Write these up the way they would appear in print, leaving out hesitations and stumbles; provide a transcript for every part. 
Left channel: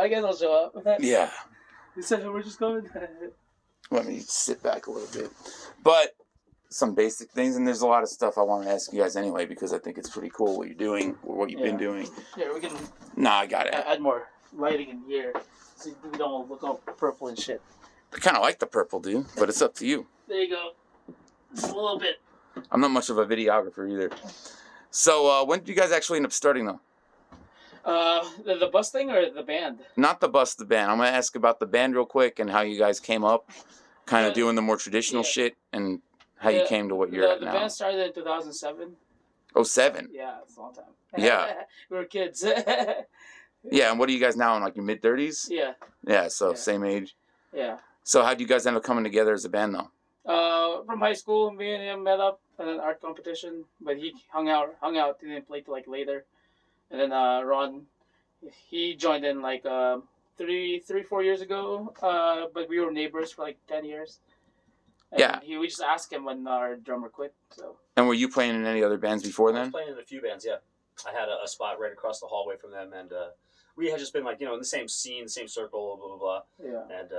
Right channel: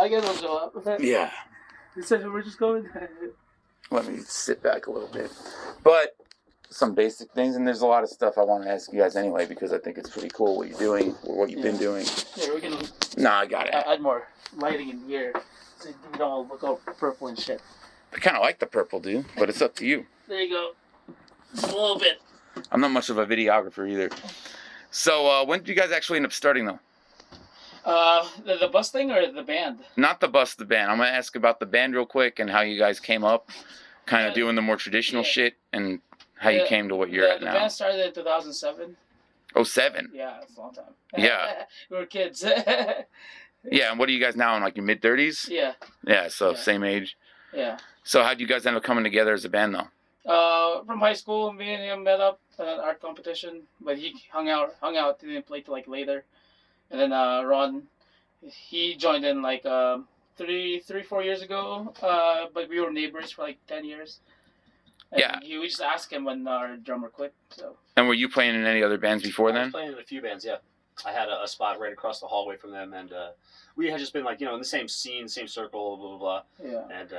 I guess I'll show up. Yeah. You said we're just going? Let me sit back a little bit. But some basic things, and there's a lot of stuff I want to ask you guys anyway, because I think it's pretty cool what you're doing, or what you've been doing. Yeah, we're going to... Nah, I got it. Add more lighting in here, so we don't look all purple and shit. I kind of like the purple, dude, but it's up to you. There you go. Just a little bit. I'm not much of a videographer either. So, when did you guys actually end up starting, though? The bus thing or the band? Not the bus, the band. I'm going to ask about the band real quick and how you guys came up, kind of doing the more traditional shit, and how you came to what you're at now. The band started in 2007. Oh, 7? Yeah, it's a long time. Yeah. We were kids. Yeah, and what are you guys now, in like your mid-30s? Yeah. Yeah, so same age. Yeah. So how'd you guys end up coming together as a band, though? From high school, me and him met up at an art competition, but he hung out, he didn't play till like later. And then Ron, he joined in like 4 years ago, but we were neighbors for like 10 years. And we just asked him when our drummer quit. So. And were you playing in any other bands before then? I was playing in a few bands, yeah. I had a spot right across the hallway from them, and we had just been like, in the same scene, same circle, blah, blah, blah. Yeah. And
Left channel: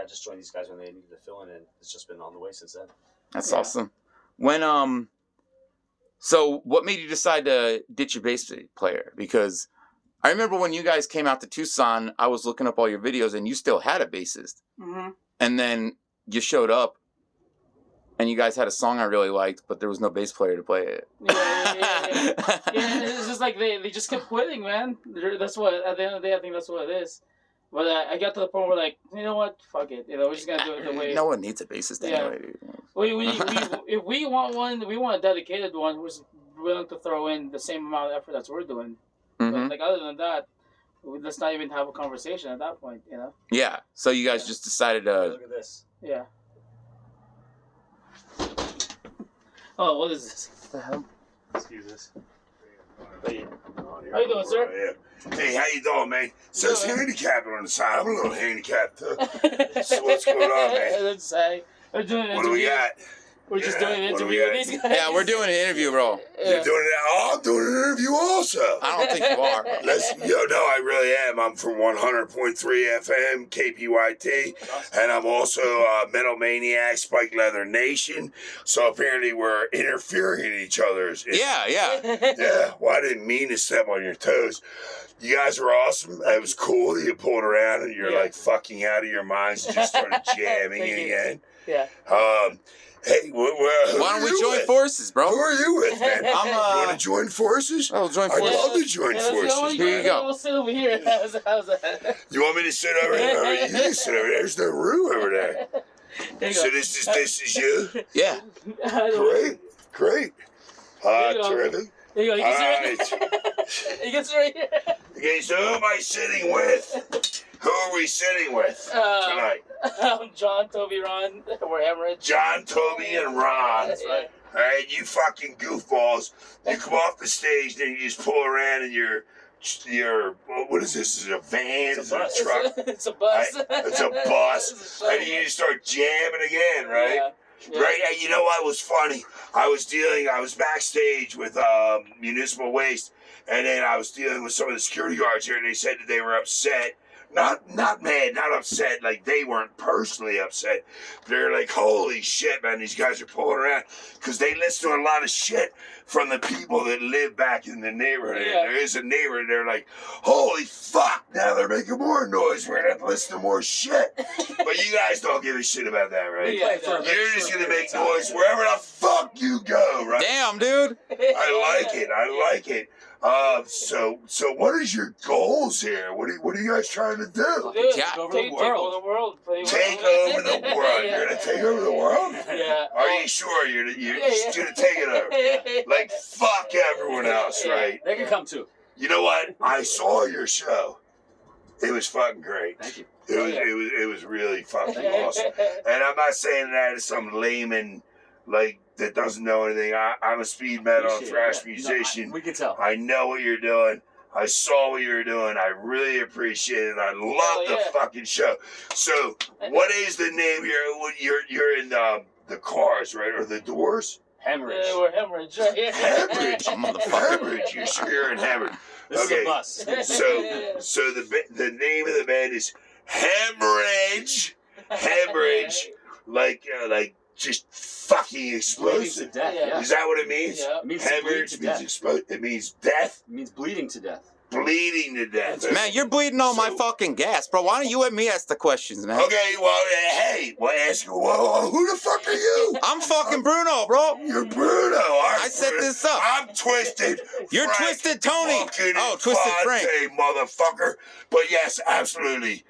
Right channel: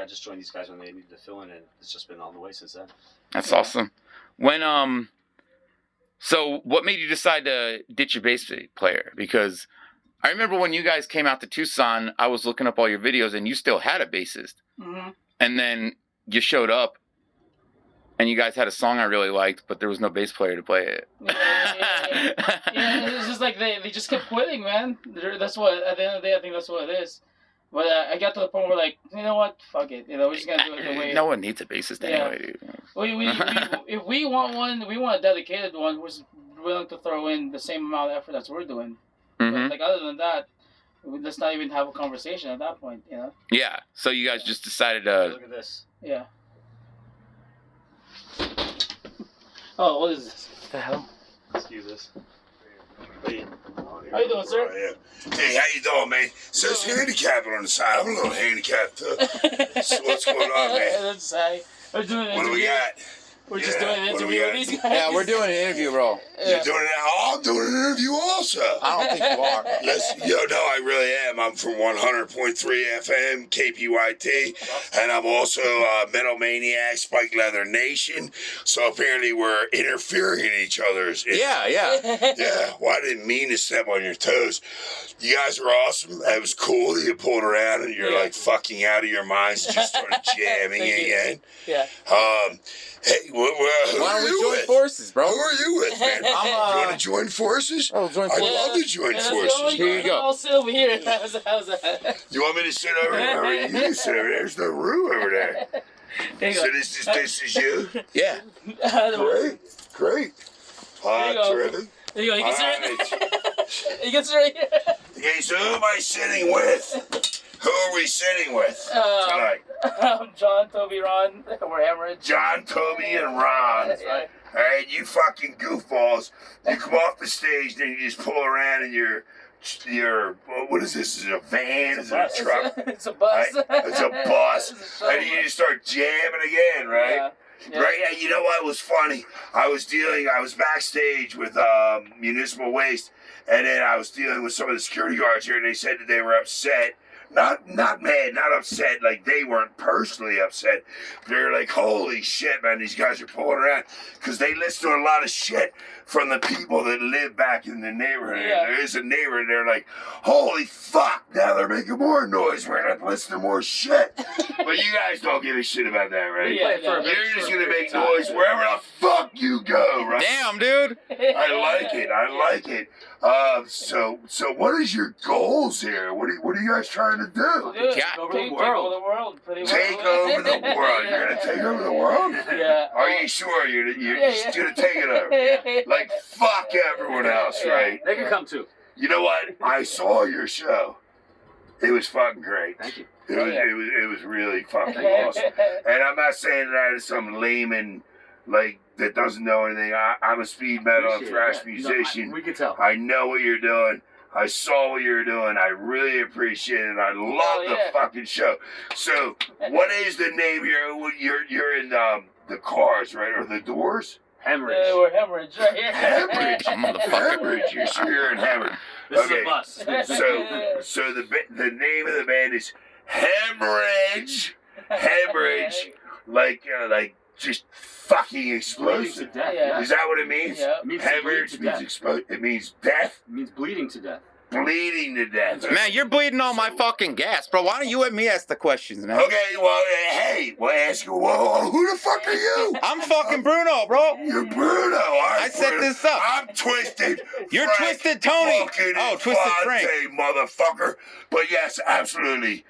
I just joined these guys when they needed to fill in, and it's just been on the way since then. That's awesome. When, so what made you decide to ditch your bass player? Because I remember when you guys came out to Tucson, I was looking up all your videos, and you still had a bassist. Mm-hmm. And then you showed up, and you guys had a song I really liked, but there was no bass player to play it. Yeah, it's just like they just kept quitting, man. That's what, at the end of the day, I think that's what it is. But I got to the point where, like, you know what? Fuck it. We're just going to do it the way... No one needs a bassist anyway, dude. If we want one, we want a dedicated one who's willing to throw in the same amount of effort as we're doing. Mm-hmm. But, like, other than that, let's not even have a conversation at that point, Yeah. So you guys just decided to... Look at this. Yeah. Oh, what is this? What the hell? Excuse us. How you doing, sir? Hey, how you doing, man? So it's handicapping on the side. I'm a little handicapped, too. So what's going on, man? That's We're doing an what do we got? We're just doing an interview with these guys. Yeah, we're doing an interview, bro. You're doing it? Oh, I'm doing an interview also. I don't think you are. No, I really am. I'm from 100.3 FM, KPYT, and I'm also Metal Maniac, Spike Leather Nation. So apparently we're interfering in each other's. Yeah. Yeah, well, I didn't mean to step on your toes. You guys were awesome. It was cool that you pulled around and you're like fucking out of your minds and just started jamming again. Yeah. Hey, why don't we join forces, bro? Who are you with, man? You want to join forces? Oh, join forces. I'd love to join forces. Here you go. I'll sit over here. How's that? You want me to sit over there? You can sit over there. There's no room over there. So this is you? Yeah. Great. Terrific. There you go. You can sit right there. You can sit right here. Okay, so who am I sitting with? Who are we sitting with tonight? John, Toby, Ron. We're Hemorage. John, Toby, and Ron. Yeah. All right, you fucking goofballs. You come off the stage, then you just pull around in your what is this? Is it a van? Is it a truck? It's a bus. Right? It's a bus. And you just start jamming again, right? Yeah. Right? And you know what was funny? I was backstage with Municipal Waste, and then I was dealing with some of the security guards here, and they said that they were upset. Not mad, not upset, like they weren't personally upset. They're like, holy shit, man, these guys are pulling around. Because they listen to a lot of shit from the people that live back in the neighborhood. Yeah. There is a neighborhood, they're like, holy fuck, now they're making more noise. We're going to have to listen to more shit. But you guys don't give a shit about that, right? Yeah, You're just going to make noise wherever the fuck you go, right? Damn, dude. I like it. So what is your goals here? What are you guys trying to do? Take over the world. Take over the world. You're gonna take over the world? Yeah. Are you sure you're just gonna take it over? Like fuck everyone else, right? They can come too. You know what? I saw your show. It was fucking great. Thank you. It was really fucking awesome. And I'm not saying that as some layman like that doesn't know anything. I'm a speed metal and thrash musician. We can tell. I know what you're doing. I saw what you were doing. I really appreciate it. I love the fucking show. So, what is the name here? You're in the Cars, right? Or the Doors? Hemorage. We're Hemorage right here. Hemorage. Motherfucker. Hemorage. You're sure Hemorage. This Okay. is a bus. So the name of the band is Hemorage. Hemorage. Like just fucking Bleeding to explosive. death. Yeah. Yeah. Is that what it means? Yeah. It means to bleed Hemorrhage to means death. explode. It means death. It means bleeding to death. Bleeding to death. Man, you're bleeding on my fucking gas, bro. Why don't you let me ask the questions, man? Okay, well, hey, well, ask you, whoa, who the fuck are you? I'm fucking Bruno, bro. You're Bruno. I set this up. I'm Twisted. You're Frank Twisted Tony. fucking Oh, Twisted Frank. Infante, motherfucker. But yes, absolutely.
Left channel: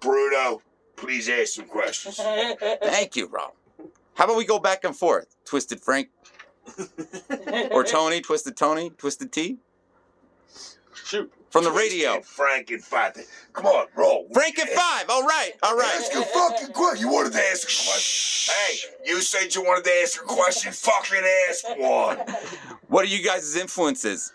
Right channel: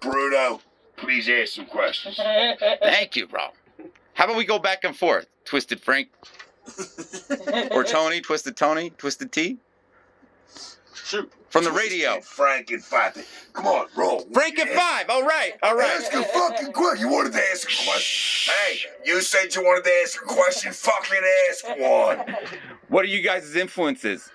Bruno, please ask some questions. Thank you, bro. How about we go back and forth? Twisted Frank or Tony, Twisted T? Shoot. From the Twisted radio. Frank Infante. Come on, roll. Frank and 5. All right. Ask a fucking question. You wanted to ask a question. Hey, you said you wanted to ask a question. Fucking ask one. What are you guys' influences?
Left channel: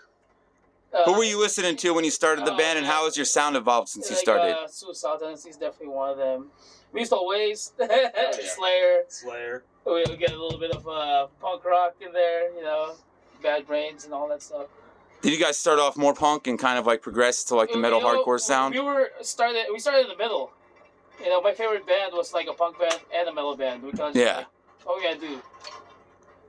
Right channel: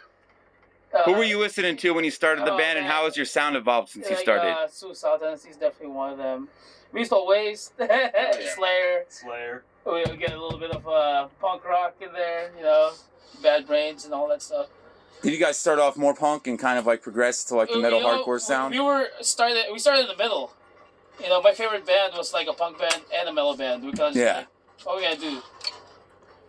Who were you listening to when you started the band, and how has your sound evolved since you started? Tucson AZ is definitely one of them. Municipal Waste, Slayer. We get a little bit of punk rock in there, you know, Bad Brains and all that stuff. Did you guys start off more punk and kind of like progress to like the metal hardcore sound? We started in the middle. You know, my favorite band was like a punk band and a metal band. We kind of just like, what we gotta do?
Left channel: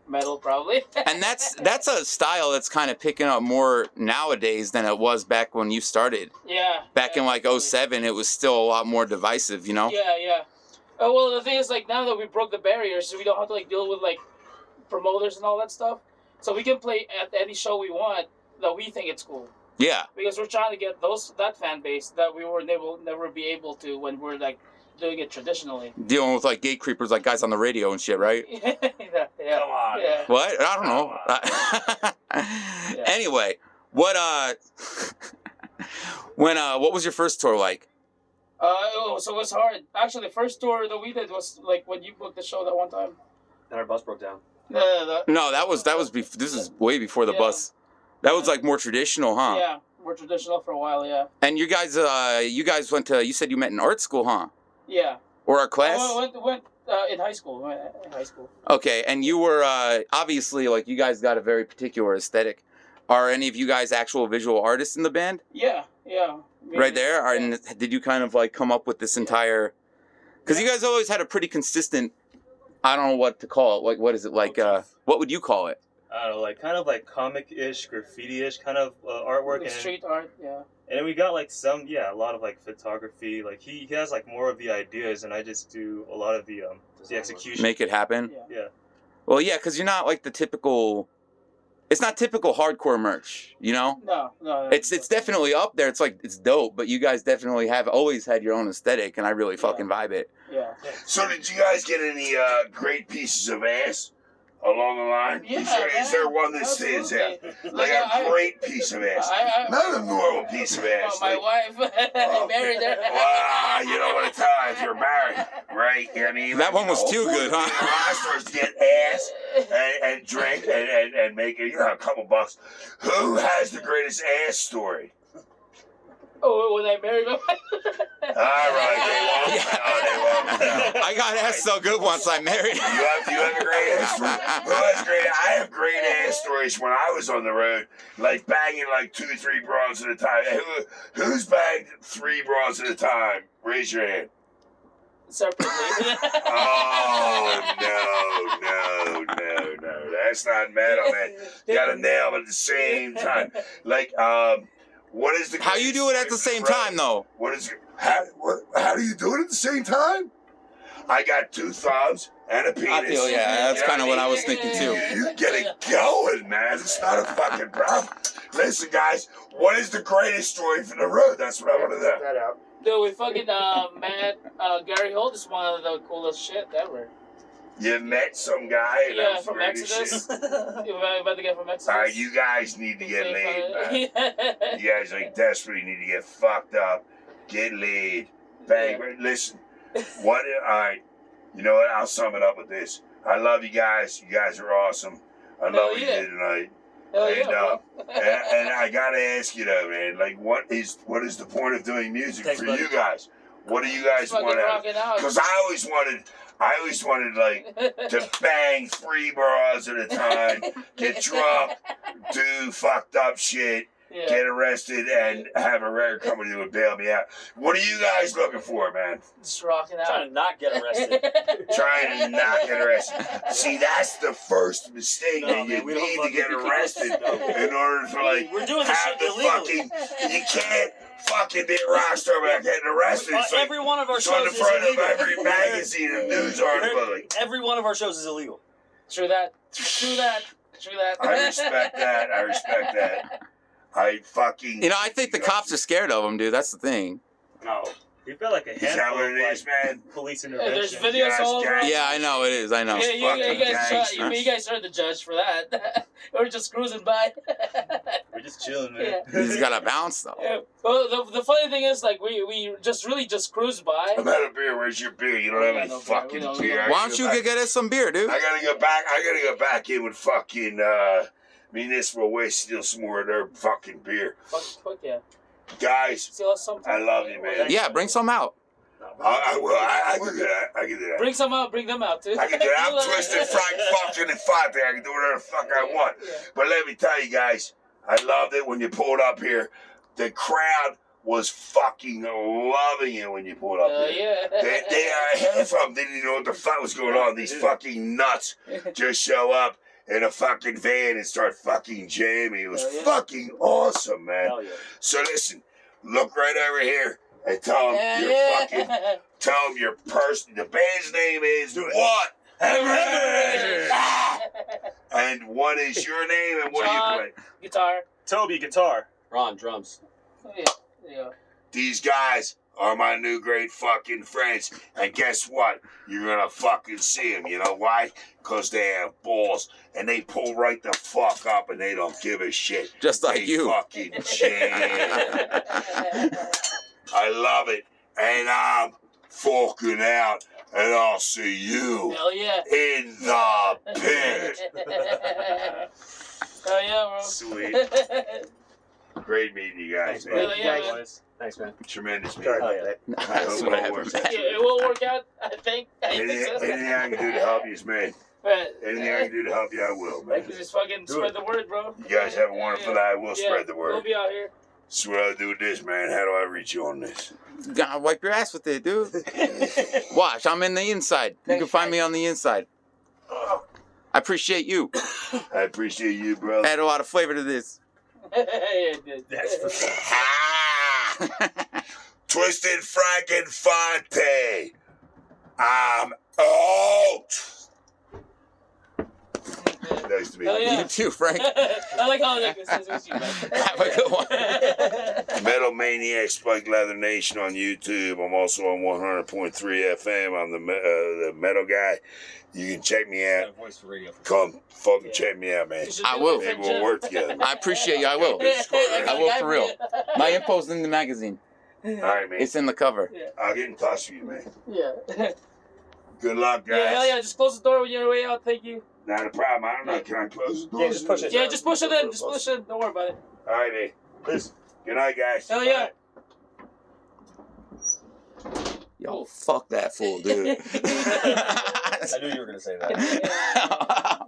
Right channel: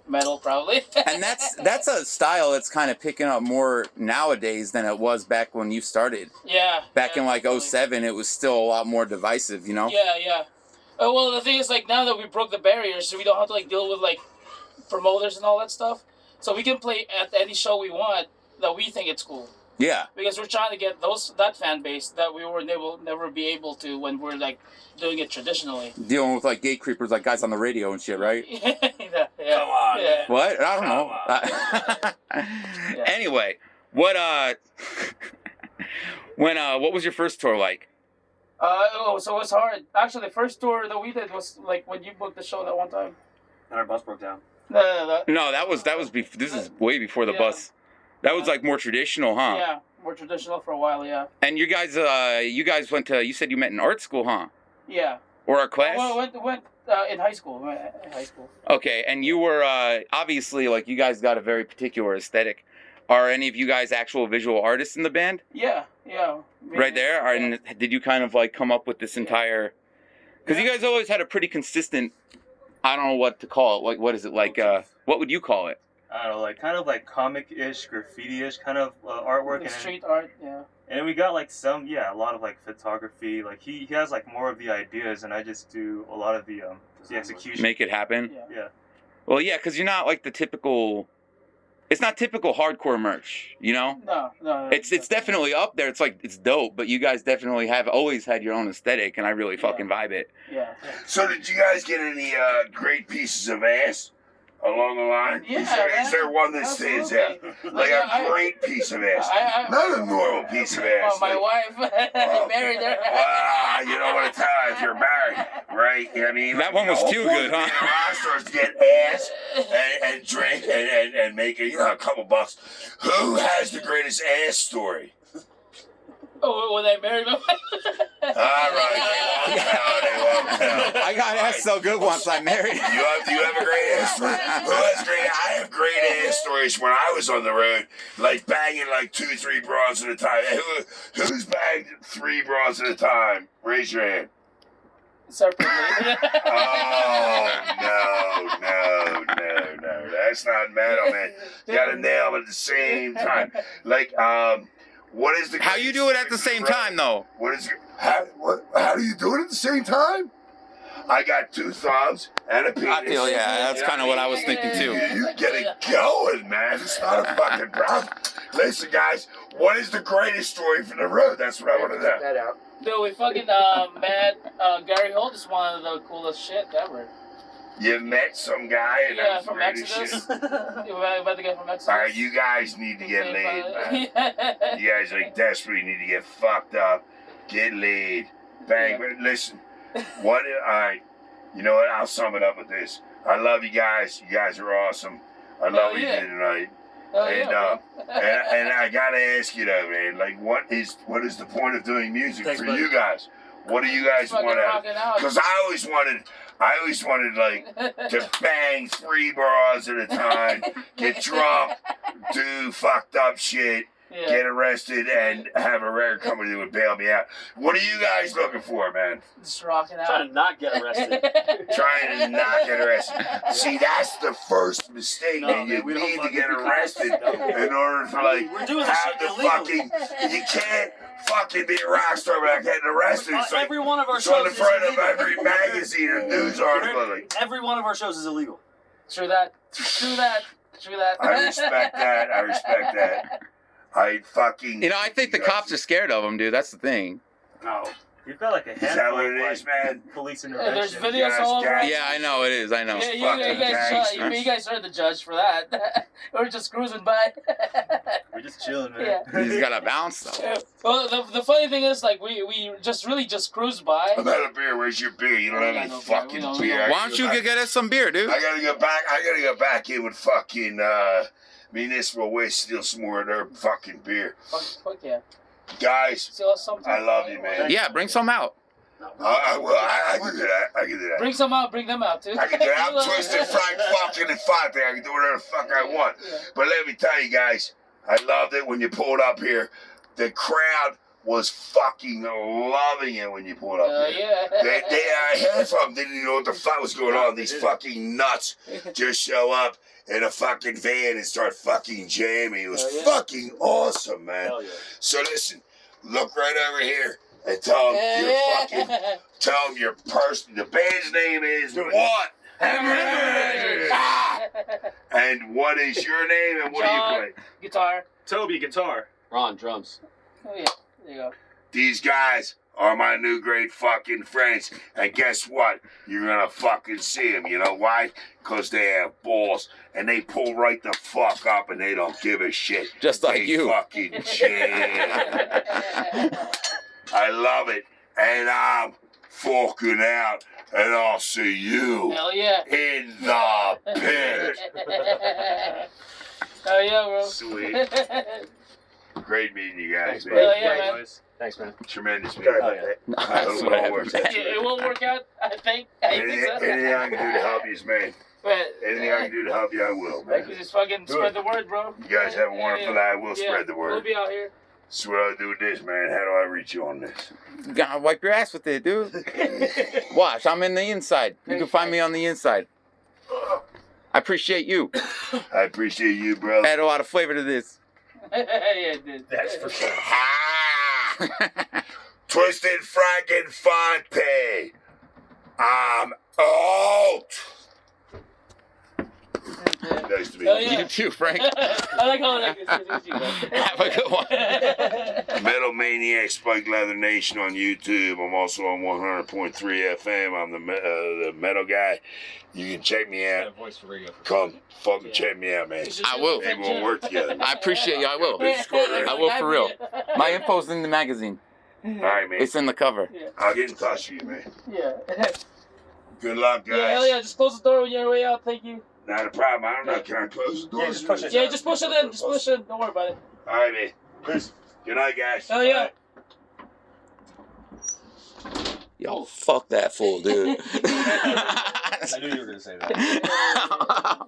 Metal, probably. And that's a style that's kind of picking up more nowadays than it was back when you started. Yeah. Back in like definitely. 07, it was still a lot more divisive, you know? Yeah. Well, the thing is, like, now that we broke the barriers, we don't have to like deal with like promoters and all that stuff. So we can play at any show we want that we think it's cool. Yeah. Because we're trying to get that fan base that we were never be able to when we're like doing it traditionally. Dealing with like gate creepers, like guys on the radio and shit, right? yeah. Come on. Yeah. What? I don't know. Anyway, what what was your first tour like? So it was hard. Actually, the first tour that we did was like when you booked the show that one time. And our bus broke down. No, that was this is way before the bus. That was like more traditional, huh? Yeah, more traditional for a while, yeah. And you guys went to, you said you met in art school, huh? Yeah. Or a class? Went in high school. Okay, and you were obviously like you guys got a very particular aesthetic. Are any of you guys actual visual artists in the band? Yeah. Maybe, Right there? Yeah. And did you kind of like come up with this entire? Because you guys always had a pretty consistent. I don't know what to call it. Like, what is it like? What would you call it? I don't know, like kind of like comic-ish, graffiti-ish kind of artwork. Like street art, yeah. And then we got like a lot of like photography. Like he has like more of the ideas, and I just do a lot of the execution. Make it happen. Yeah. Well, yeah, because you're not like the typical. It's not typical hardcore merch, you know. No. It's definitely up there. It's like it's dope, but you guys definitely have always had your own aesthetic, and I really fucking vibe it. Yeah. So did you guys get any great pieces of ass along the line? Yeah, Is there one that stands out? Like a great piece of ass. Not a normal piece of ass. My wife, I married her. Well, you don't want to tell if you're married, right? I mean, That one was too good, huh? Rock stars to get ass and drink and make a couple bucks. Who has the greatest ass story? Oh, when I married my wife. All right, they won't tell. I got ass so good once I married. Do you have a great ass story? Who has great? I have great ass stories when I was on the road, like banging like 2-3 bras at a time. Who's bagged 3 bras at a time? Raise your hand. Separately. Oh no! That's not metal, man. You gotta nail them at the same time. Like what is the? How you do it at the same time though? What is how do you do it at the same time? I got 2 thumbs and a penis. I feel that's kind of what I was thinking too. You get it going, man. It's not a fucking problem. Listen, guys, what is the greatest story from the road? That's what I want to know. That out. Dude, we fucking met Gary Holt is one of the coolest shit ever. You met some guy and Yeah, that's from really Exodus. shit. You met the guy from Exodus. All right, you guys need to get laid, man. You guys like desperately need to get fucked up, get laid, bang. But listen, all right, you know what? I'll sum it up with this. I love you guys. You guys are awesome. I love what you did tonight. And I gotta ask you though, man. Like, what is the point of doing music for you guys? What do you guys Fucking want out? rocking out. Because I always wanted like to bang 3 bras at a time, get drunk, do fucked up shit, Yeah. get arrested, and have a record company that would bail me out. What are you guys looking for, man? Just rocking out. Trying to not get arrested. Trying to not get arrested. See, that's the first mistake No, that man, you we don't need to fucking- get arrested No. in order to like We're doing this have shit the illegally. fucking. You can't fucking be a rock star without getting arrested. It's like, Every one of our it's on the shows front is of illegal. every magazine or news article. Like, Every one of our shows is illegal. True that. True that. True that. I respect that. I respect that. I fucking. You know, I think the cops are scared of him, dude. That's the thing. No. You've got like a Is that handful what of it like, is, man? police Yeah, there's intervention. videos Yes, all over. guys. Yeah, I know it is. I know. Yeah, you Fucking gangsters. guys heard the judge for that. We're just cruising by. We're just chilling, man. Yeah. He's got to bounce though. Yeah. Well, the funny thing is, like, we just cruised by. I'm out of beer. Where's your beer? You don't have any No, fucking no, no. beer. Why don't you get us some beer, dude? I gotta go back. I gotta go back in with fucking municipal waste. Steal some more of their fucking beer, Fuck yeah. guys. Steal us something. I love you, man. Yeah, bring some out. I will. I can do that. I can do that. Bring some out. Bring them out too. I can do that. I'm Twisted Frank fucking and Five there. I can do whatever the fuck I want. Yeah. But let me tell you guys, I loved it when you pulled up here. The crowd was fucking loving it when you pulled up here. Yeah. Half of them didn't even know what the fuck was going on. These fucking nuts just show up in a fucking van and start fucking jamming. It was Hell yeah. fucking awesome, man. Hell yeah. So listen, look right over here and tell them your person. The band's name is what? Hemorage. And what is your name and what John. do you play? Guitar. Toby, guitar. Ron, drums. Oh yeah. There you go. These guys are my new great fucking friends. And guess what? You're gonna fucking see them. You know why? Because they have balls. And they pull right the fuck up and they don't give a shit. Just like They you. fucking jam. I love it. And I'm forking out. And I'll see you Hell yeah. in the pit. Oh yeah, bro. Sweet. Great meeting you guys, Thanks, man. bro. Hell yeah, man. Thanks, man. Tremendous Sorry meeting. about that. I That's hope what it all works out. It will work out, I think. I think Anything, so. anything I can do to help you, man. But, Anything I can do to help you, I will, man. just fucking spread the word, bro. You guys have a wonderful night. I will spread the We'll word. be out here. So what do I do with this, man? How do I reach you on this? You gotta wipe your ass with it, dude. Watch, I'm in the inside. You can find me on the inside. I appreciate you. I appreciate you, brother. Add a lot of flavor to this. Yeah, it did. That's for sure. Ah! Twisted Frankenfonte. I'm out. Nice to meet Oh, you. yeah. You too, Frank. I like how it's you, man. Have a good one. Metal Maniac Spike Leather Nation on YouTube. I'm also on 100.3 FM. I'm the metal guy. You can check me out. Voice for radio. Come fucking check me out, man. I will. Maybe we'll work together. I appreciate you. I will. I will for real. My info's in the magazine. All right, man. It's in the cover. I'll get in touch with you, man. Yeah. Good luck, guys. Yeah, hell yeah. Just close the door when you're on your way out. Thank you. Not a problem. I don't know. Can I close the door? Yeah, just push it. Yeah, just push it in. Just push it in. Don't worry about it. All right, man. Peace. Good night, guys. Hell yeah. Yo, fuck that fool, dude. I knew you were gonna say that.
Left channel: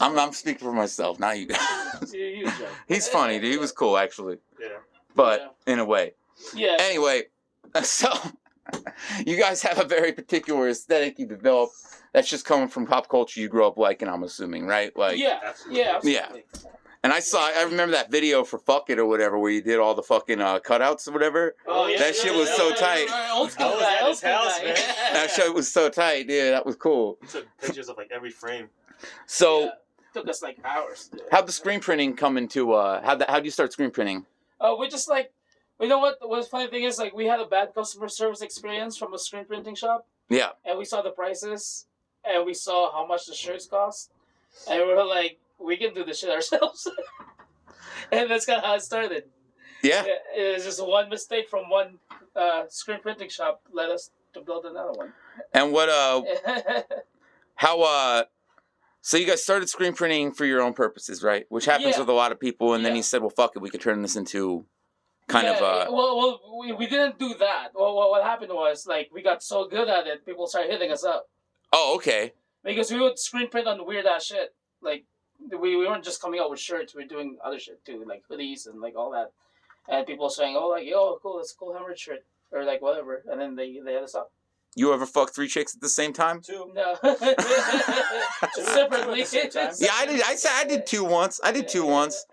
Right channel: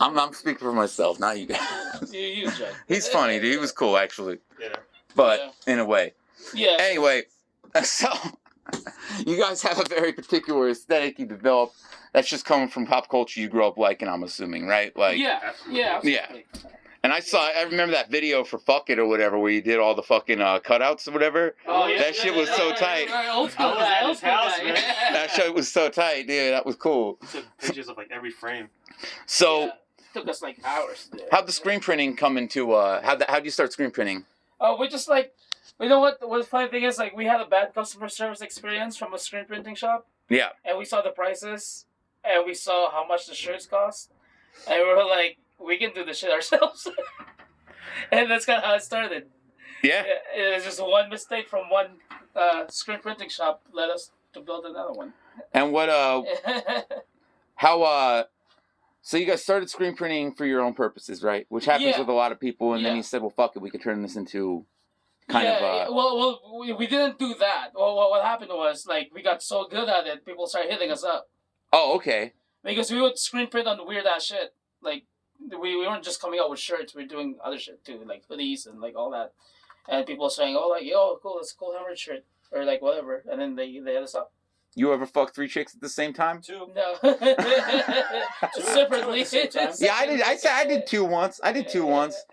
I'm speaking for myself, not you guys. You Joe. He's funny, dude. He was cool, actually. Yeah. But in a way. Yeah. Anyway, so you guys have a very particular aesthetic you developed that's just coming from pop culture you grew up liking, I'm assuming, right? Like, Yeah. Absolutely. Yeah. Yeah. Absolutely. And I remember that video for Fuck It or whatever where you did all the fucking cutouts or whatever. Oh, yeah. That shit was so tight. Old school I was guy, at old his school house, guy. man. That shit was so tight, dude. That was cool. He took pictures of like every frame. So, Yeah. Took us like hours. To do. how'd the screen printing come into, how'd you start screen printing? Oh, we just like, you know what? The funny thing is, like, we had a bad customer service experience from a screen printing shop, Yeah. and we saw the prices, and we saw how much the shirts cost, and we were like, we can do this shit ourselves. And that's kind of how it started. Yeah. It was just one mistake from one screen printing shop led us to build another one. And what, so you guys started screen printing for your own purposes, right? Which happens Yeah. with a lot of people, and then Yeah. you said, well, fuck it, we could turn this into kind of. Well, we didn't do that. Well, what happened was like we got so good at it, people started hitting us up Oh, okay. because we would screen print on weird ass shit. Like we weren't just coming out with shirts, we were doing other shit too, like hoodies and like all that. And people saying, "Oh, like yo, cool, that's a cool Hemorage shirt," or like whatever. And then they hit us up. You ever fuck 3 chicks at the same time? 2. No, Two separately. at the same time. Yeah, I did. I did 2 once. I did 2 once.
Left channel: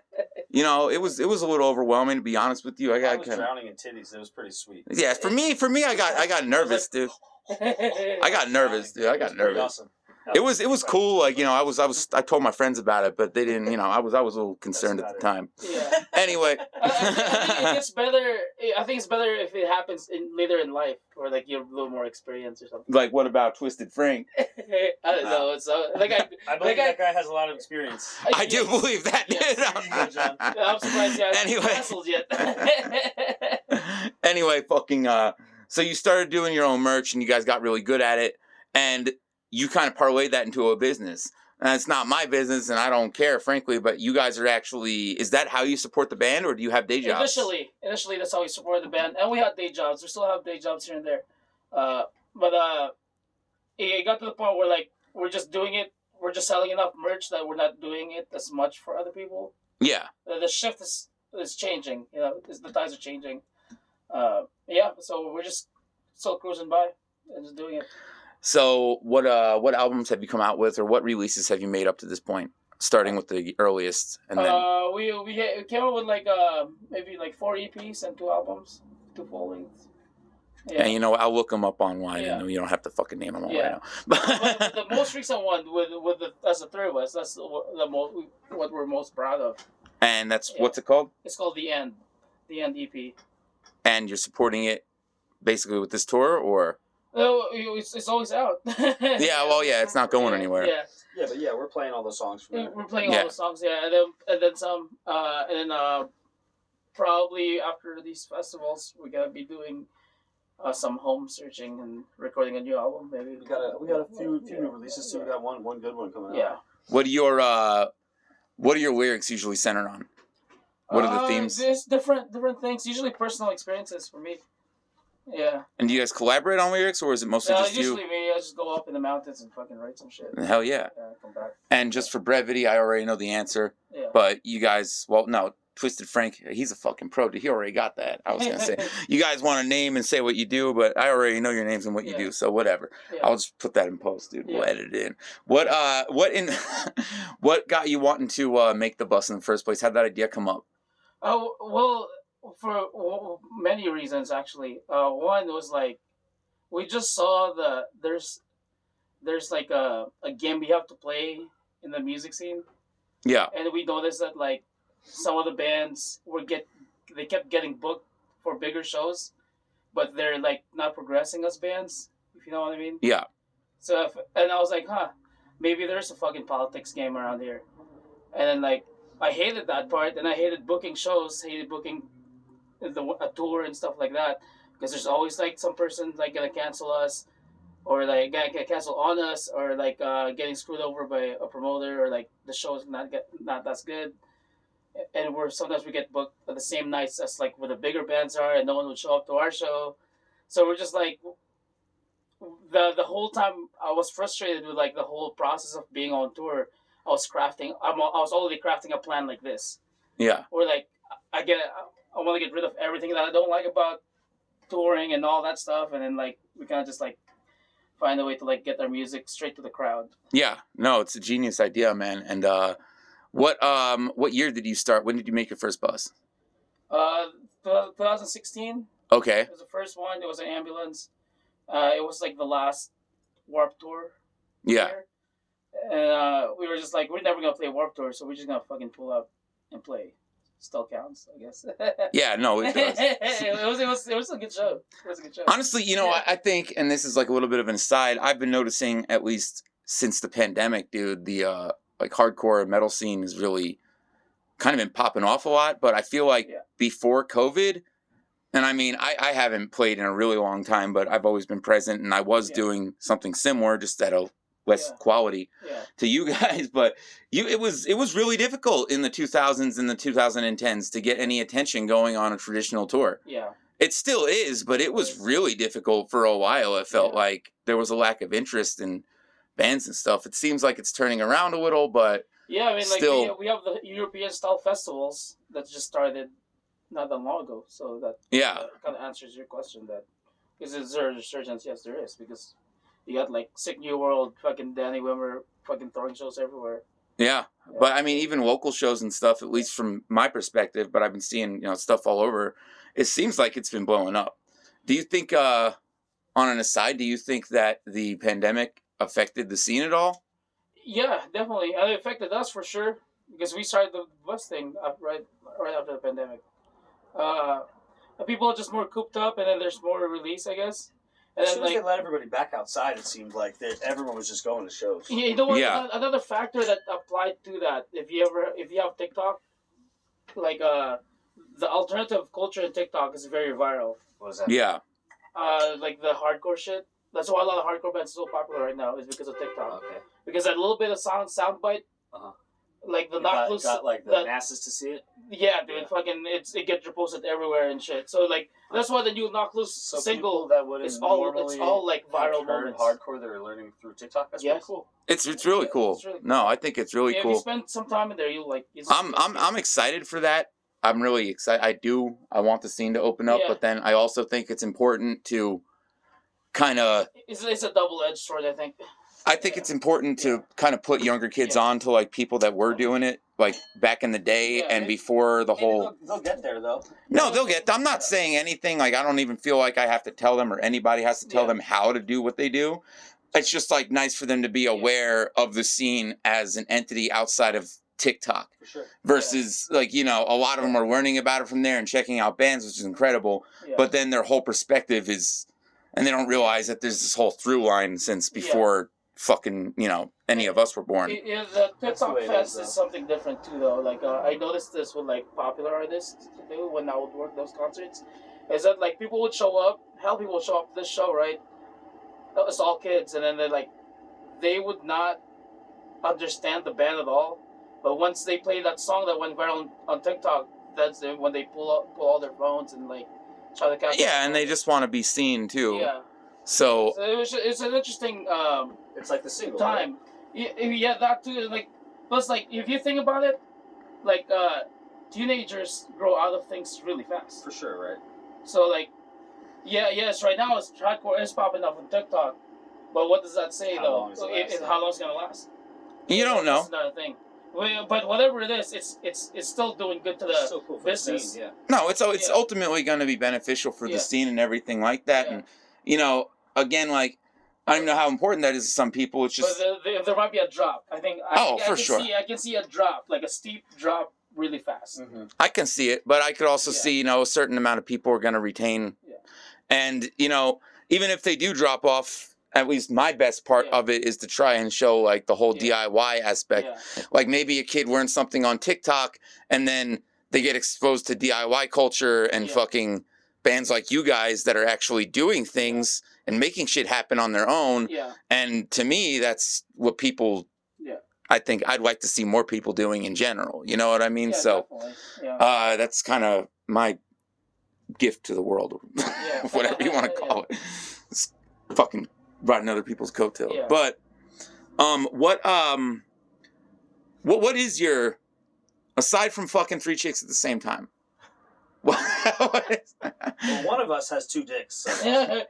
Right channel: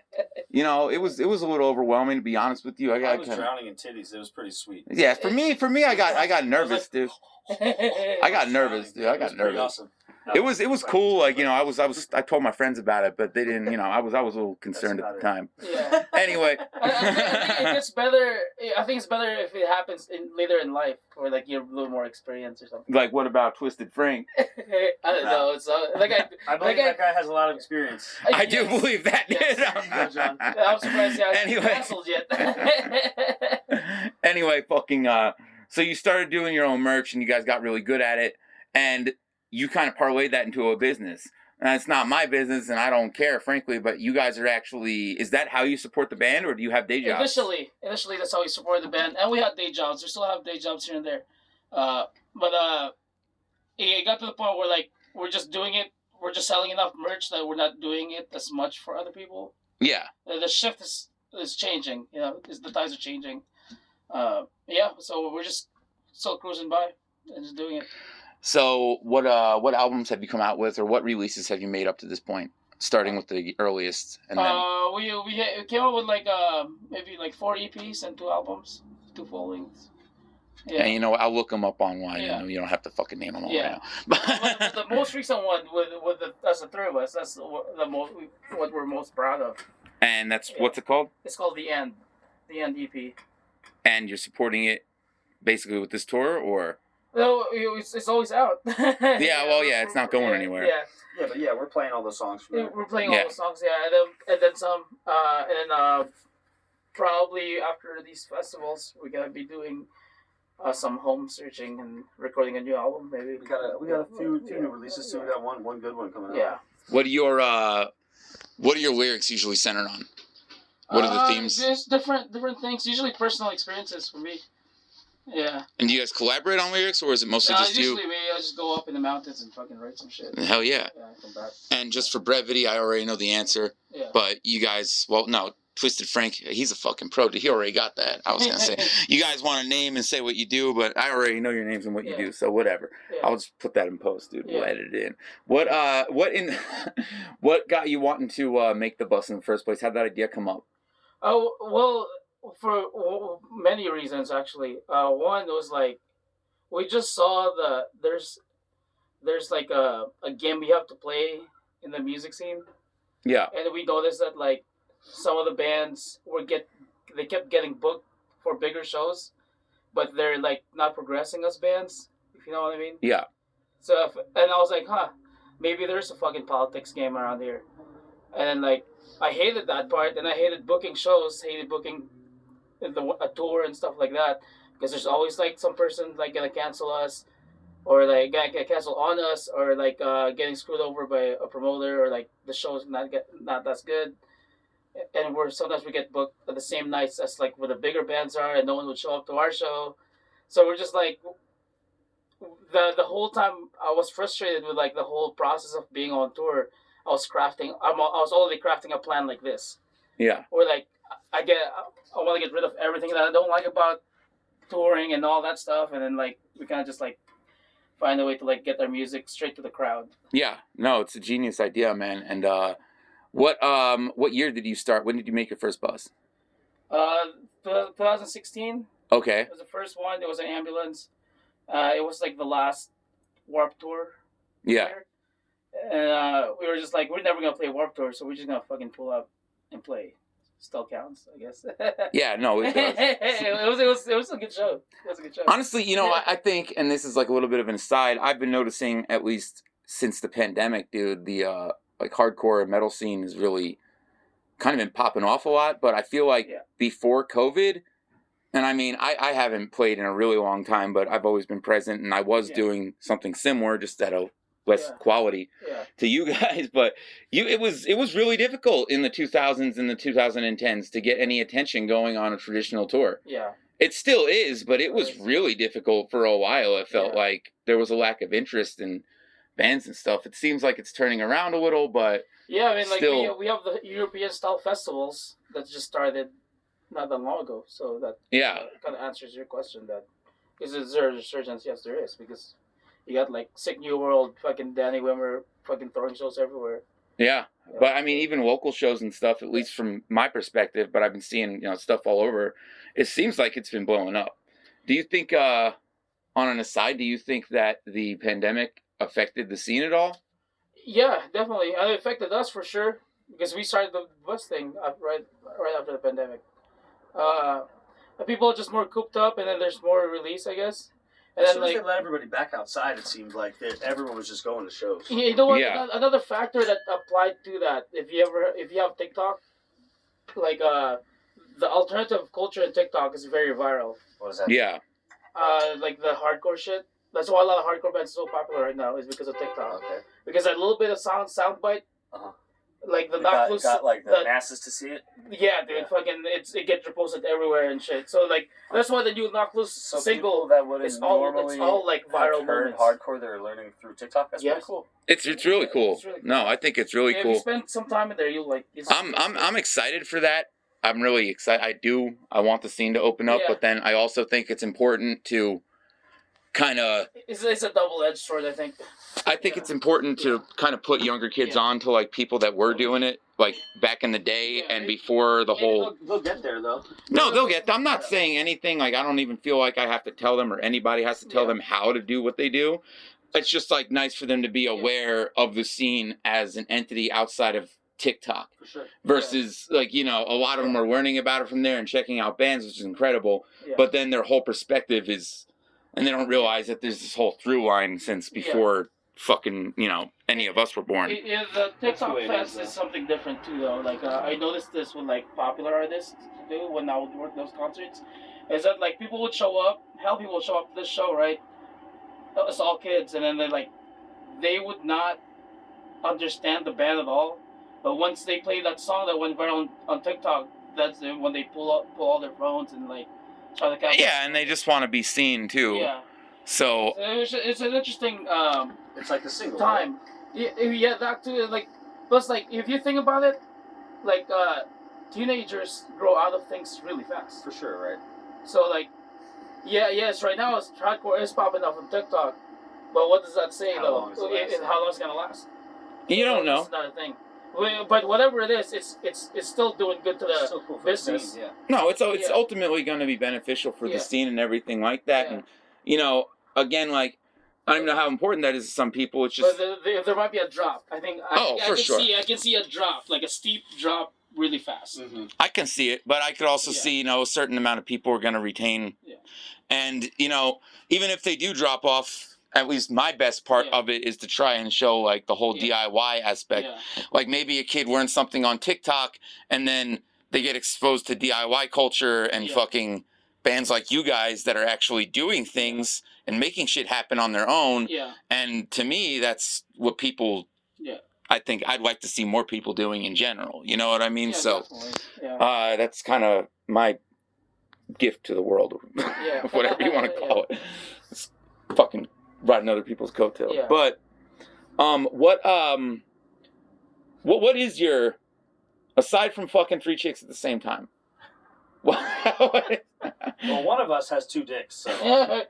You know, it was a little overwhelming, to be honest with you. I I was got drowning in titties. It was pretty sweet. yeah. For me, I got nervous, dude. I got nervous, dude. I got It was pretty nervous. awesome. It was cool. Like, you know, I told my friends about it, but they didn't. You know, I was a little concerned at the time. Yeah. Anyway, I think it gets better. I think it's better if it happens later in life, or like you have a little more experience or something. like, what about Twisted Frank? I don't know. It's like I believe that guy has a lot of experience. I do believe that. Yes. dude. There you go, John. I'm surprised he hasn't Anyway. been canceled yet. Anyway, fucking. So you started doing your own merch, and you guys got really good at it, and you kind of parlayed that into a business. And it's not my business, and I don't care, frankly. But you guys are actually. Is that how you support the band, or do you have day jobs? Initially, that's how we supported the band, and we had day jobs. We still have day jobs here and there, but it got to the point where like we're just doing it. We're just selling enough merch that we're not doing it as much for other people. Yeah. The shift is changing. You know, the tides are changing. So we're just still cruising by and just doing it. So what albums have you come out with, or what releases have you made up to this point? Starting with the earliest, and then We came up with like maybe like 4 EPs and 2 albums, 2 full lengths. and you know, I'll look them up online. Yeah. You know, you don't have to fucking name them all Yeah. right now. But the most recent one with us, the 3 of us, that's what we're most proud of. And that's what's it called? It's called The End EP. And you're supporting it basically with this tour, or? No, it's always out. Yeah, well, yeah, it's not going anywhere. Yeah. Yeah, but yeah, we're playing all the songs from there. We're playing all the songs, yeah, and then some, and then probably after these festivals, we're gonna be doing some home searching and recording a new album, maybe. We got a few new releases too. We got one good one coming out. Yeah. What are your lyrics usually centered on? What are the themes? There's different things. Usually personal experiences for me. Yeah. And do you guys collaborate on lyrics, or is it mostly just you? Usually me. I just go up in the mountains and fucking write some shit. Hell yeah. Yeah, come back. And just for brevity, I already know the answer. Yeah. But you guys, well, no, Twisted Frank, he's a fucking pro. He already got that. I was gonna say, you guys want to name and say what you do, but I already know your names and what you do, so whatever. Yeah. I'll just put that in post, dude. Yeah. We'll edit it in. What got you wanting to make the bus in the first place? How'd that idea come up? Oh well, for many reasons actually. One was like, we just saw there's like a game we have to play in the music scene. Yeah. And we noticed that like some of the bands they kept getting booked for bigger shows, but they're like not progressing as bands, if you know what I mean. Yeah. So and I was like, maybe there's a fucking politics game around here. And then like I hated that part, and I hated booking shows, hated booking a tour and stuff like that, because there's always like some person like gonna cancel us, or like get canceled on us, or like getting screwed over by a promoter, or like the show's not that good, and sometimes we get booked at the same nights as like where the bigger bands are, and no one would show up to our show, so we're just like the whole time I was frustrated with like the whole process of being on tour. I was already crafting a plan like this. Yeah. Or like I want to get rid of everything that I don't like about touring and all that stuff, and then like we kind of just like find a way to like get our music straight to the crowd. Yeah. No, it's a genius idea, man. And what year did you start? When did you make your first bus? 2016. Okay. It was the first one. There was an ambulance. It was like the last Warped Tour. Yeah. Year. And we were just like, we're never gonna play Warped Tour, so we're just gonna fucking pull up and play. Still counts, I guess. Yeah, no, it does. it was a good show. It was a good show. Honestly, you know, I think, and this is like a little bit of an aside, I've been noticing, at least since the pandemic, dude, the like hardcore metal scene has really kind of been popping off a lot. But I feel like before COVID, and I mean, I haven't played in a really long time, but I've always been present, and I was doing something similar, just at a less Yeah. quality Yeah. to you guys, but it was really difficult in the 2000s and the 2010s to get any attention going on a traditional tour. Yeah. It still is, but it was really difficult for a while. It felt like there was a lack of interest in bands and stuff. It seems like it's turning around a little, but Yeah, I mean, like still, we have the European style festivals that just started not that long ago, so that kind of answers your question. That is there a resurgence? Yes, there is, because you got like Sick New World, fucking Danny Wimmer, fucking throwing shows everywhere. Yeah, but I mean, even local shows and stuff, at least from my perspective, but I've been seeing stuff all over. It seems like it's been blowing up. Do you think, on an aside, do you think that the pandemic affected the scene at all? Yeah, definitely. It affected us for sure because we started the bus thing right after the pandemic. People are just more cooped up, and then there's more release, I guess. And As then soon as they let everybody back outside, it seemed like everyone was just going to shows. you know what? Yeah. Another factor that applied to that, if you have TikTok, like the alternative culture in TikTok is very viral. What is that? Yeah. Like the hardcore shit. That's why a lot of hardcore bands are so popular right now, is because of TikTok. Okay. Because that little bit of soundbite, like the knock loose, got like the masses to see it. Yeah, dude, fucking it gets reposted everywhere and shit. So like that's why the new knock loose single that would it's all like viral moments. Hardcore they're learning through TikTok. That's pretty cool. It's really cool. It's really cool. No, I think it's really If cool. you spend some time in there, you'll like. I'm excited for that. I'm really excited. I want the scene to open up, but then I also think it's important to kind of. It's a double-edged sword, I think. I think it's important to kind of put younger kids on to like people that were doing it like back in the day and before the whole. They'll get there though. No, they'll get. I'm not saying anything. Like I don't even feel like I have to tell them or anybody has to tell them how to do what they do. It's just like nice for them to be aware of the scene as an entity outside of TikTok. For sure. Versus like a lot of them are learning about it from there and checking out bands, which is incredible. Yeah. But then their whole perspective is, and they don't realize that there's this whole through line since before fucking any of us were born. The TikTok fest is something different too, though. Like I noticed this with like popular artists do when I would work those concerts, is that like people would show up, people would show up to this show, right? It's all kids, and then they would not understand the band at all. But once they play that song that went viral on TikTok, that's when they pull all their phones and like try to capture. Yeah, and they just want to be seen too. Yeah. So it's an interesting it's like a single time. Right? Yeah, that too. Like, plus, like if you think about it, like teenagers grow out of things really fast. For sure, right? So like, yes, right now it's hardcore is popping up on TikTok, but what does that say though? How long is it gonna last? You don't know. That's another thing. But whatever it is, it's still doing good to the cool business. Scene, No, it's ultimately going to be beneficial for the scene and everything like that. And again, like I don't know how important that is to some people. It's just there might be a drop. I think. I can see a drop, like a steep drop, really fast. Mm-hmm. I can see it, but I could also see a certain amount of people are going to retain. Yeah. And even if they do drop off. At least my best part of it is to try and show like the whole DIY aspect. Yeah. Like maybe a kid learns something on TikTok and then they get exposed to DIY culture and fucking bands like you guys that are actually doing things and making shit happen on their own. Yeah. And to me, that's what people. Yeah. I think I'd like to see more people doing in general. You know what I mean? Yeah, so, that's kind of my gift to the world, whatever you want to call it. It's fucking. Riding other people's coattails. Yeah. But what is your, aside from fucking 3 chicks at the same time? Well, one of us has 2 dicks. So.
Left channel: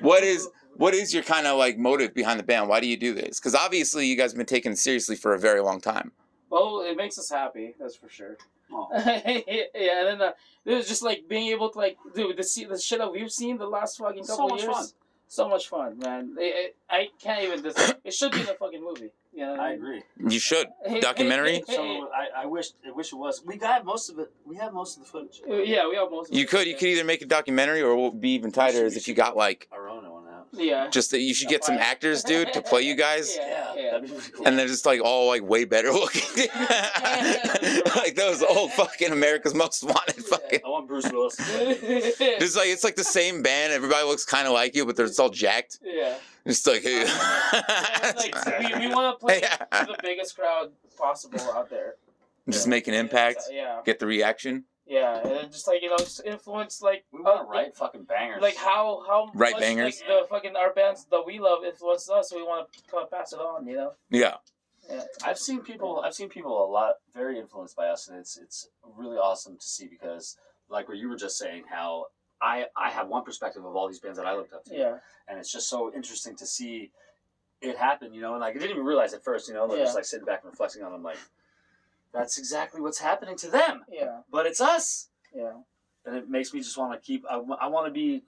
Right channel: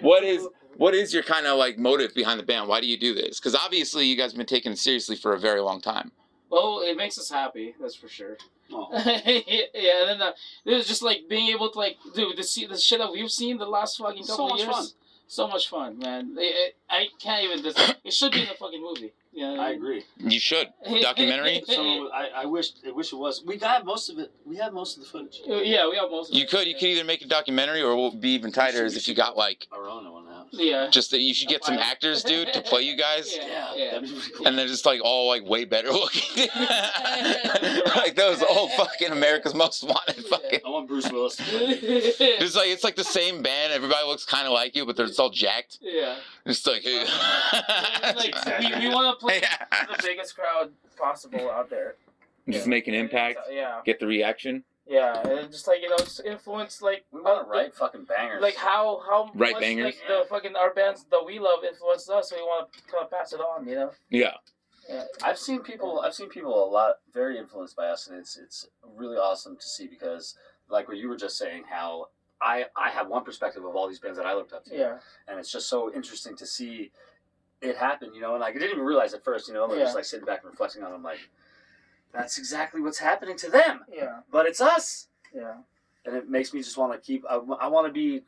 What is your kind of like motive behind the band? Why do you do this? Because obviously you guys have been taking it seriously for a very long time. Well, it makes us happy, that's for sure. Oh. Yeah, and then it was just like being able to like, dude, the shit that we've seen the last fucking couple of years. Fun. So much fun, man. I can't even. It should be in a fucking movie. Yeah, I agree. You should documentary. I wish it was. We got most of it. We have most of the footage. Yeah, we have most of it. You could either make a documentary or what would be even tighter is if you got like our own one out. Yeah. Just that you should get some actors, dude, to play you guys. Yeah. That'd be really cool. And they're just like all like way better looking. Like those old fucking America's Most Wanted fucking. I want Bruce Willis to play me. It's like the same band. Everybody looks kind of like you, but they're just all jacked. Yeah. It's like, hey. Like we want to play to the biggest crowd possible out there. Just make an impact. Yeah. Get the reaction. Yeah, and just like just influence like We want to write fucking bangers. like how Write much bangers. like the fucking our bands that we love influenced us, so we want to kind of pass it on, Yeah. Yeah. I've seen people a lot very influenced by us, and it's really awesome to see because like what you were just saying, how I have one perspective of all these bands that I looked up to, Yeah. and it's just so interesting to see it happen, and like I didn't even realize at first, like just like sitting back and reflecting on them, like that's exactly what's happening to them, Yeah. but it's us, Yeah. and it makes me just want to keep. I want to be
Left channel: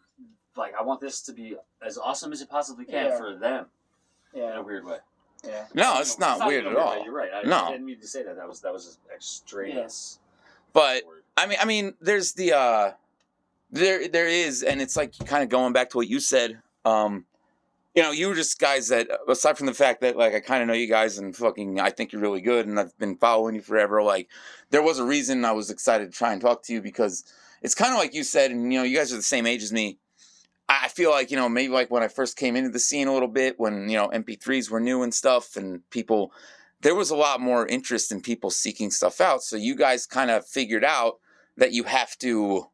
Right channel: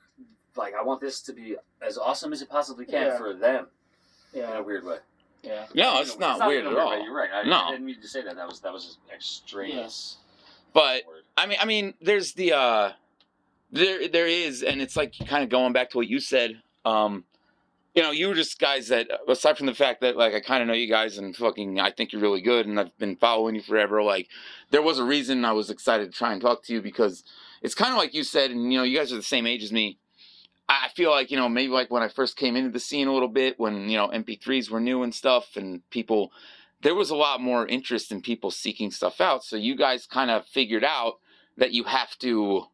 like I want this to be as awesome as it possibly can for them, in Yeah. a weird way. Yeah. No, it's not weird in a at all. way. You're right. I didn't mean to say that. That was just extraneous. But word. I mean, there's the there is, and it's like kind of going back to what you said. You were just guys that, aside from the fact that like I kind of know you guys and fucking I think you're really good, and I've been following you forever. Like, there was a reason I was excited to try and talk to you because it's kind of like you said, and you guys are the same age as me. I feel like, maybe like when I first came into the scene a little bit, when, MP3s were new and stuff, and there was a lot more interest in people seeking stuff out. So you guys kind of figured out that you have to,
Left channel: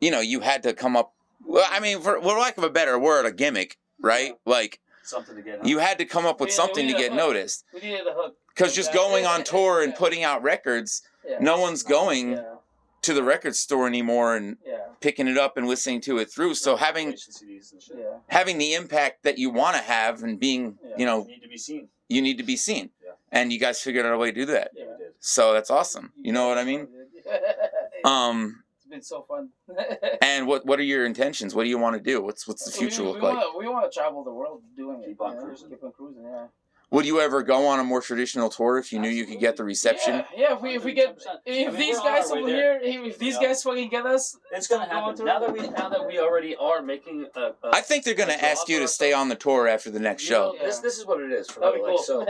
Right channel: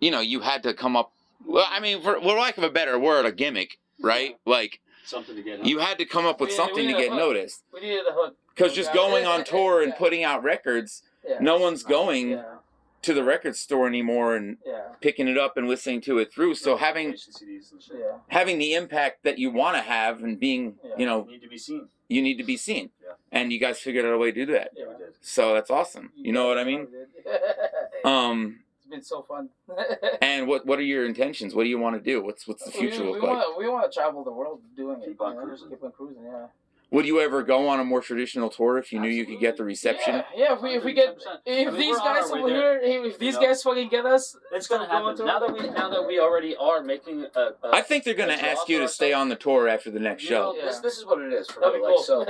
you had to come up, well, I mean, for lack of a better word, a gimmick, right? Like, Something to get. you had to come up with We something to need a get hook. noticed. We needed the hook. Because just going on tour and putting out records, no one's going Yeah. to the record store anymore and Yeah. picking it up and listening to it through. So having CDs and shit. Yeah. the impact that you want to have and being, Yeah. You need to be seen. you need to be seen. Yeah. And you guys figured out a way to do that. Yeah, we did. So that's awesome. You know what I mean? It's been so fun. And what are your intentions? What do you want to do? What's the future look like? We want to travel the world doing it. Keep on cruising. Keep on cruising, yeah. Would you ever go on a more traditional tour if you knew you could get the reception? Yeah, if we get 110%. if I mean, these we're on guys our way over there. here, if these You know? guys fucking get us, It's gonna Go on happen. tour. Now that we already are making a I think they're going to ask you to stay on the tour after the next show. Yeah. This is what it is for that'd me. be Like, cool. so,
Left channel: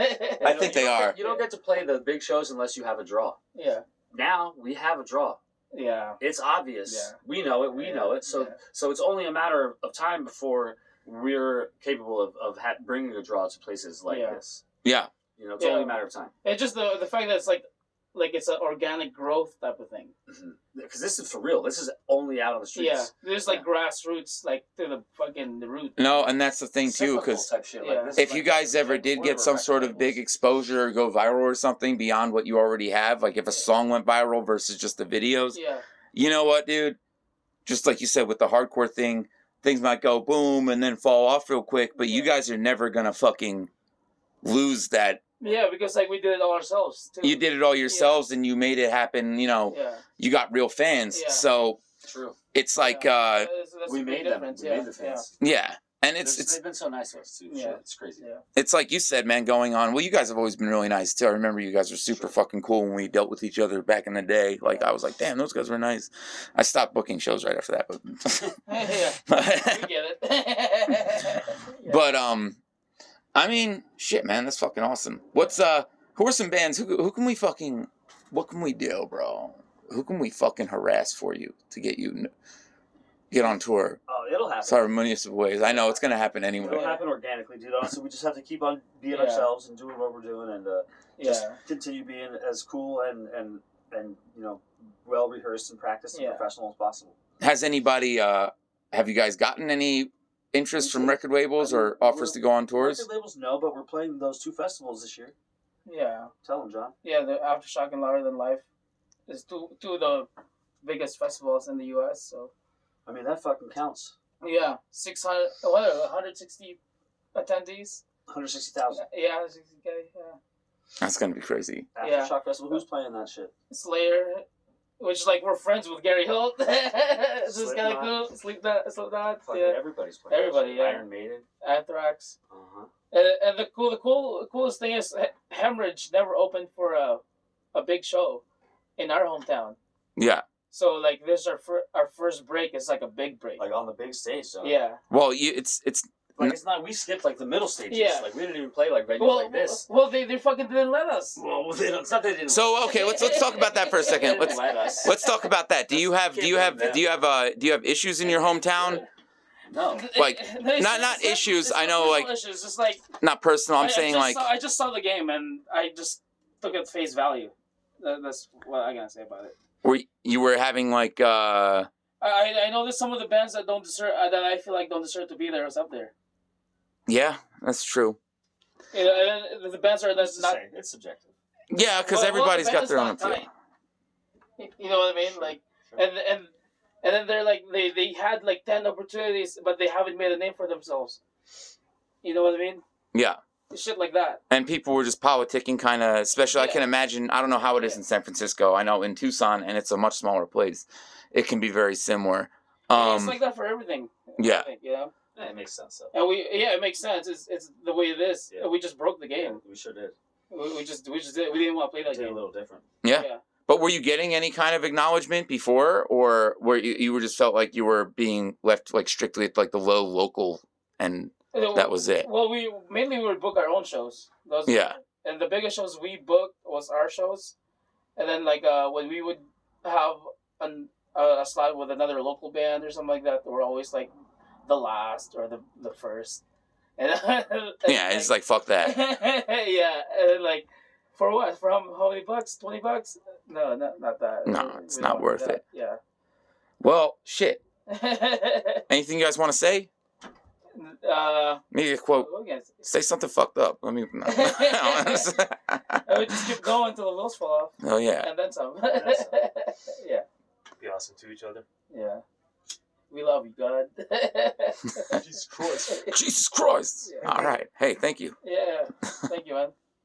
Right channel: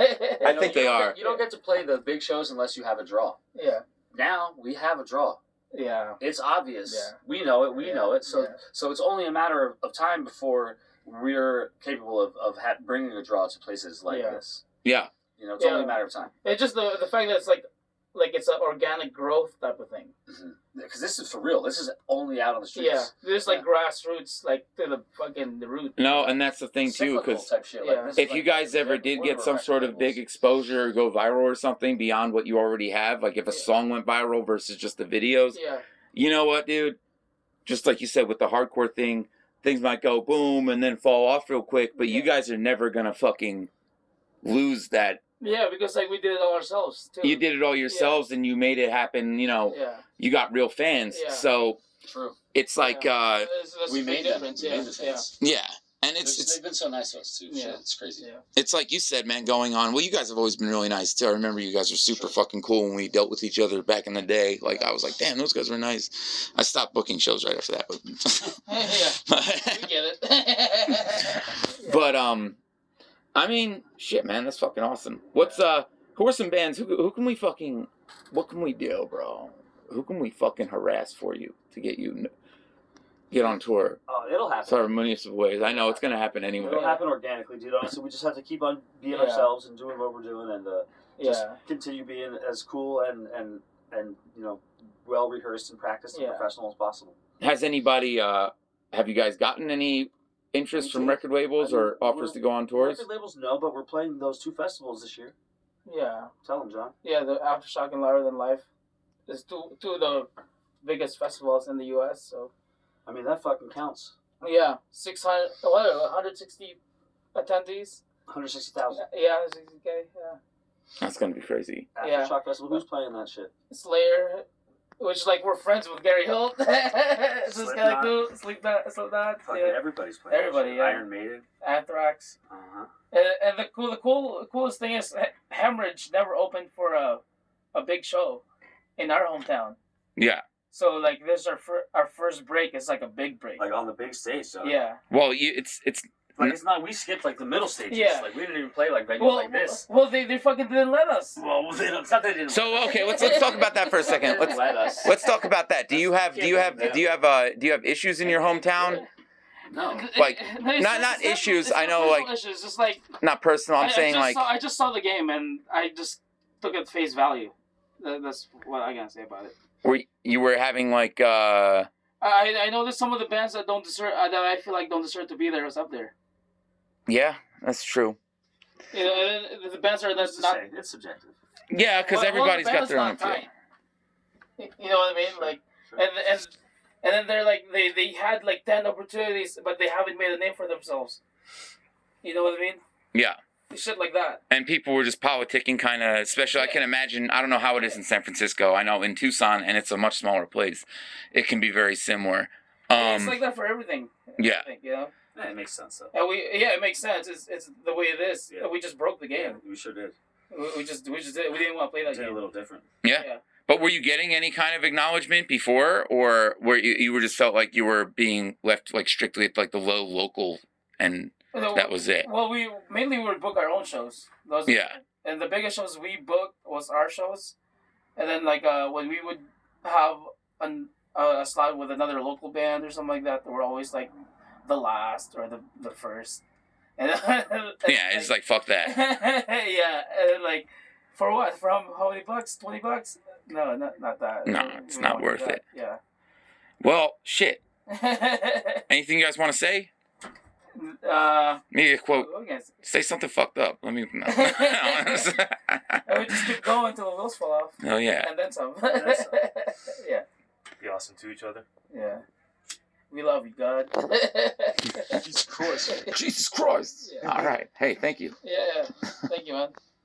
I think they are. You don't get to play the big shows unless you have a draw. Yeah, Now we have a draw. yeah, It's obvious. Yeah. We know it. We Yeah. know it. So Yeah. so it's only a matter of time before we're capable of bringing a draw to places like Yeah. this. Yeah. It's Yeah. only a matter of time. It's just the fact that it's like it's an organic growth type of thing. Because this is for real. This is only out on the streets. Yeah, there's like grassroots, like to the root. No, and that's the thing too, Cyclical because type shit. Yeah. Like this if is you like guys ever did get some sort of big exposure or go viral or something beyond what you already have, like if a song went viral versus just the videos, Yeah, you know what, dude? Just like you said with the hardcore thing, things might go boom and then fall off real quick, but you Yeah. guys are never gonna fucking lose that. yeah, because like we did it all ourselves too. You did it all yourselves and you made it happen, Yeah, you got real fans. Yeah. So True. it's like, That's We a big made them. difference. We Yeah, made the fans. yeah. And it's They've been so nice to us too. Yeah. Shit, it's crazy. yeah. It's like you said, man, going on. Well, you guys have always been really nice, too. I remember you guys were super fucking cool when we dealt with each other back in the day. Like, I was like, damn, those guys were nice. I stopped booking shows right after that. Yeah, we get it. But, I mean, shit, man, that's fucking awesome. Who are some bands, who can we fucking, what can we do, bro? Who can we fucking harass for you to get on tour? Oh, it'll happen. Sorry, municipal ways. I know it's going to happen anyway. It'll happen organically, dude. Honestly, we just have to keep on being Yeah. ourselves and doing what we're doing, and just Yeah. continue being as cool and well rehearsed and practiced and Yeah. professional as possible. Has anybody, have you guys gotten any interest from record labels or offers to go on tours? Record labels, no, but we're playing those 2 festivals this year. Yeah, Tell them, John. yeah. The Aftershock and Louder Than Life is two of the biggest festivals in the U.S. So I mean, that fucking counts. yeah, 160 attendees. 160,000. Yeah, 160K. Yeah, That's going to be crazy. Yeah. Aftershock Festival. Who's playing that shit? Slayer, which like we're friends with Gary Holt. It's just kind of Slipknot. cool. Slipknot. Fucking Yeah. everybody's playing. that Everybody, shit. yeah. Iron Maiden. Anthrax. Uh-huh. And the coolest thing is Hemorage never opened for a big show in our hometown. Yeah. So like this our first break is like a big break. Like on the big stage, John. Yeah. Well, it's Like it's not. We skipped like the middle stages. Yeah. Like we didn't even play like venues Well, like this. They fucking didn't let us. Well, they don't, it's not that they didn't. So okay, let's talk about that for a They second. didn't let us. Let's talk about that. Do you have issues in your hometown? No. Like, No, it's not issues, it's I not know, personal like- issues. Just like Not personal. I'm saying I just saw the game and I just took it at face value. That's what I gotta say about it. you were having like I know there's some of the bands that don't deserve that I feel like don't deserve to be there. Is up there. yeah, that's true. You know, and the bands are that's It's not. it's subjective. Yeah, because well, everybody's the got band's their own not opinion. tight. You know what I mean? Like, Sure. and then they're like they had like 10 opportunities, but they haven't made a name for themselves. You know what I mean? Yeah. Shit like that. And people were just politicking kind of, especially I can imagine, I don't know how it is in San Francisco. I know in Tucson, and it's a much smaller place, it can be very similar. It's like that for everything. Yeah. I think, you know? Yeah, it makes sense though. And it makes sense. It's the way it is. Yeah. We just broke the Yeah, game. we sure did. We just did. We didn't want to play that Did a game. little different. Yeah. Yeah. But were you getting any kind of acknowledgement before, or were you were just felt like you were being left like strictly at like the low local, and that was it? Well, we would book our own shows. Those, Yeah. And the biggest shows we booked was our shows, and then like when we would have a slot with another local band or something like that, they were always like the last or the first. And, Yeah, it's like fuck that. yeah, and then, like for what? For how many bucks? $20? No, not that. No, it's We not don't do worth that. it. Yeah. Well, shit. Anything you guys want to say? Maybe a quote. what can I say? Say something fucked up. Let me. No. I would just keep going until the wheels fall off. Oh yeah. And then some. then some. Yeah. Be awesome to each other. Yeah. We love you, God. Jesus Christ. Jesus Christ. Yeah. All right. Hey, thank you. Yeah. Thank you, man.